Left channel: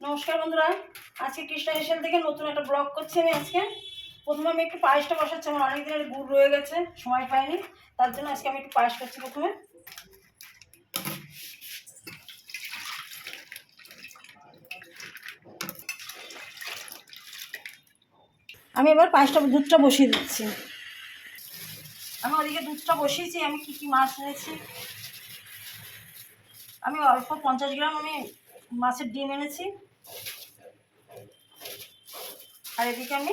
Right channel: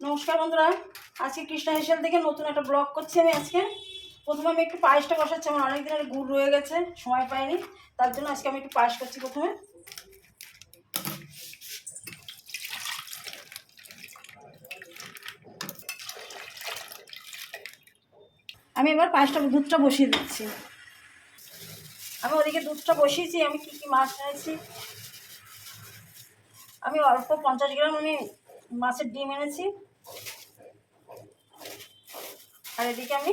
নমস্কার বন্ধুরা, আজকে কৃষ্ণা হেসেল থেকে নতুন একটা ব্লগ করছি। আমি আজকে প্রথমে আমি একটু পায়েসটা বসাচ্ছি। আমার অনেক দিনের গুড় রয়ে গেছে, সময় পাইনি, তার জন্য আজকে আমি একটু পায়েস করছি। প্রথমে আমি এবার পায়েসটা দুধটা বসিয়ে দিচ্ছি। আমি ওদিকে দুধটা বসিয়েছি। আমি কি কি মাছ এনেছি, আমি অল্প 50 গ্রাম আমি মাছের ডিম এনেছি। আর এদিকে আমি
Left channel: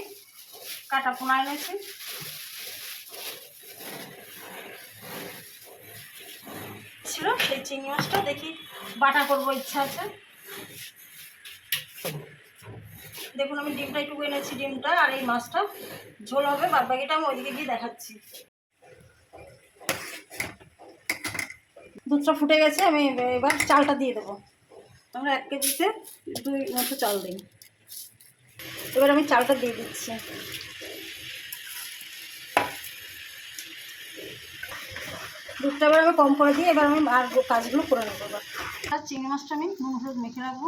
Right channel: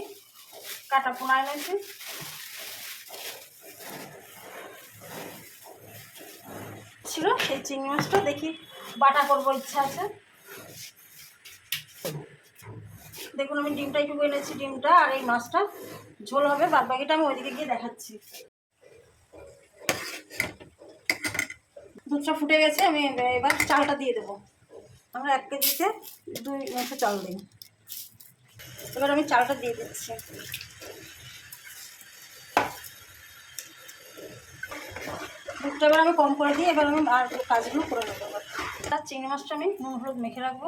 কাটা পোনা এনেছি। ছিল সেই চিংড়ি মাছটা দেখি বাটা করবো, ইচ্ছা আছে। দেখুন আমি ডিমটা একটু এনেছি, ডিমটা আর এই মাছটা ঝোল হবে। বাদ বাকিটা আমি ওইদিকে গিয়ে দেখাচ্ছি। দুধটা ফুটে গেছে, আমি এবার চালটা দিয়ে দেবো। আমরা 1 কেজিতে 2 মুঠো চাল দিই। এবার আমি চালটা দিয়ে দিচ্ছি। দুধটা এবার আমি কম করে দিই। এবার আমি আর কাজগুলো করে নেবো। আর চিংড়ি মাছটা আমি নুন হলুদ মেখে রাখবো।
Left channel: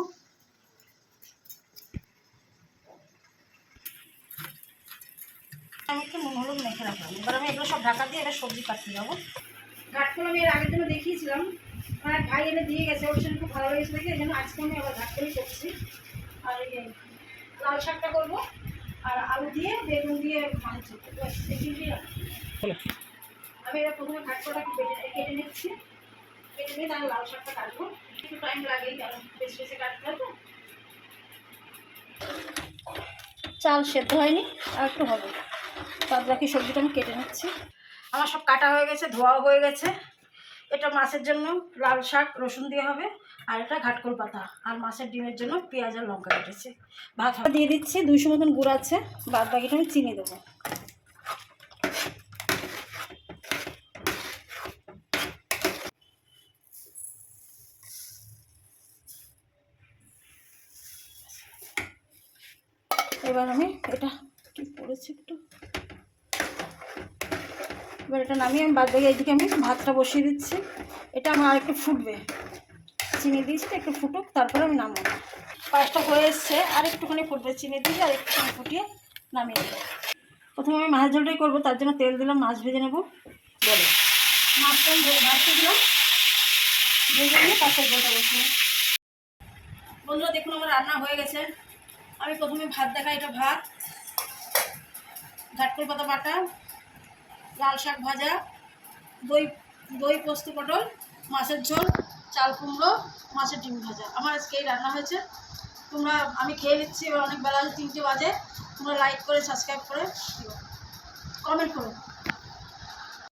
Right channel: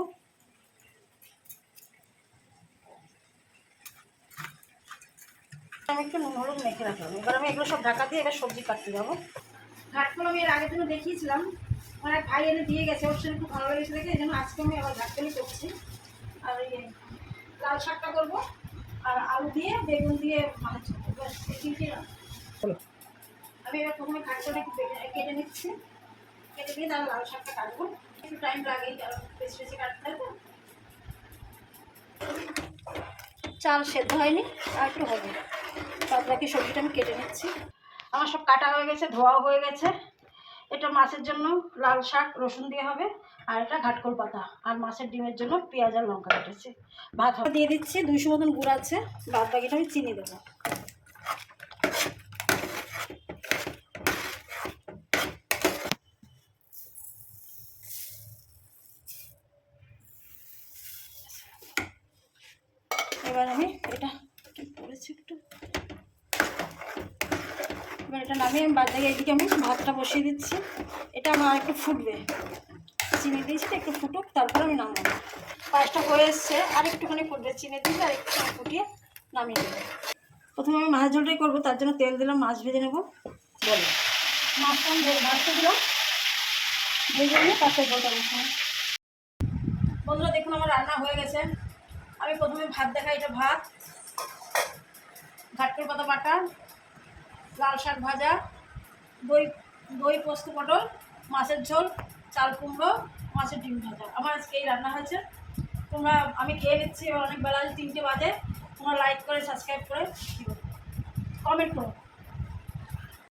আমি একটু নুন হলুদ মেখে রাখলাম। এবার আমি এগুলো সব ঢাকা দিয়ে এবার সবজি কাটতে যাবো। ঘাটগুলো আমি এর আগের জন্য দেখিয়েছিলাম, আমার এক ভাই এনে দিয়ে গেছে, ওর সঙ্গে খুব ভালো লেগেছে দেখে। এই জন্য আজকে আমি আবার ঘাটটাই করছি। আর এই লাল শাকটা করবো, আর আলু দিয়ে বেগুন দিয়ে মাছ করবো। এই তিনটেই আমি এবার প্রথমে ঘাটটা কেটে নিচ্ছি। কেটে নিয়ে তাহলে লাল শাকটা কাটবো। একটু টাইম লাগে, কারণ বেশি বেশি কাটতে হবে। চাল সেদ্ধ হয়নি, আর একটু হবে। বাদ বাকি সবজিটা আমি কেটে নিচ্ছি। আমার সব কাটা হয়ে গেছে, ধোয়াও হয়ে গেছে। এটা মাছের জন্য লাল শাক রসুন দিয়ে হবে, আর এটা ঘাটকোল পাতা। আর মাছের ডিমের জন্য পেঁয়াজ আর লঙ্কা কেটেছে। ভাত দিয়ে দিচ্ছি, 200 মতন গুড় আছে। বাদ বাকিটা আমি চিনি দেবো। এবার আমি এটা কি পড়েছে একটু, এবার এটা নামিয়ে আমি বাদ দিয়ে এইদিকে আমি ভাতটা বসিয়ে দিচ্ছি। এটা আমার আর একটু ফুটবে, চিনি দিয়েছি, একটু ফুটুক, তারপরে আমি নামাবো। পাঁচটা হয়ে এসছে, আর একটুখানি ফুটবে, চিনি দিয়ে আর একটুখানি ফুটিয়ে নামিয়ে দেবো। প্রথমে আমি মাছ ঝোলটাই করবো, তার জন্য তেল দিলাম, মাছ ভেজে নেবো। বলো, মাছটা আমি ভাজতে দিলাম, ভেজে নিয়ে পাঁচটা ঝোলটা বসবো। বন্ধুরা দেখুন আমার রান্না হয়ে গেছে। আমি প্রথমে ভাত দেখাই। এটা ভাত, ঘাটকোল পাতা বাটা, লাল শাক ভাজা, দই দই পোস্ত পটল, মাছের ঝোল, চাল কুমড়ো, মাছের ডিম ভাজা। আমার আজকে এই রান্না হয়েছে। আমি খেয়ে নিচ্ছি। এবার অনেক বেলা, 3টে বাজে। তোমরা লাইক করে সাবস্ক্রাইব করে দিও, কমেন্ট করো।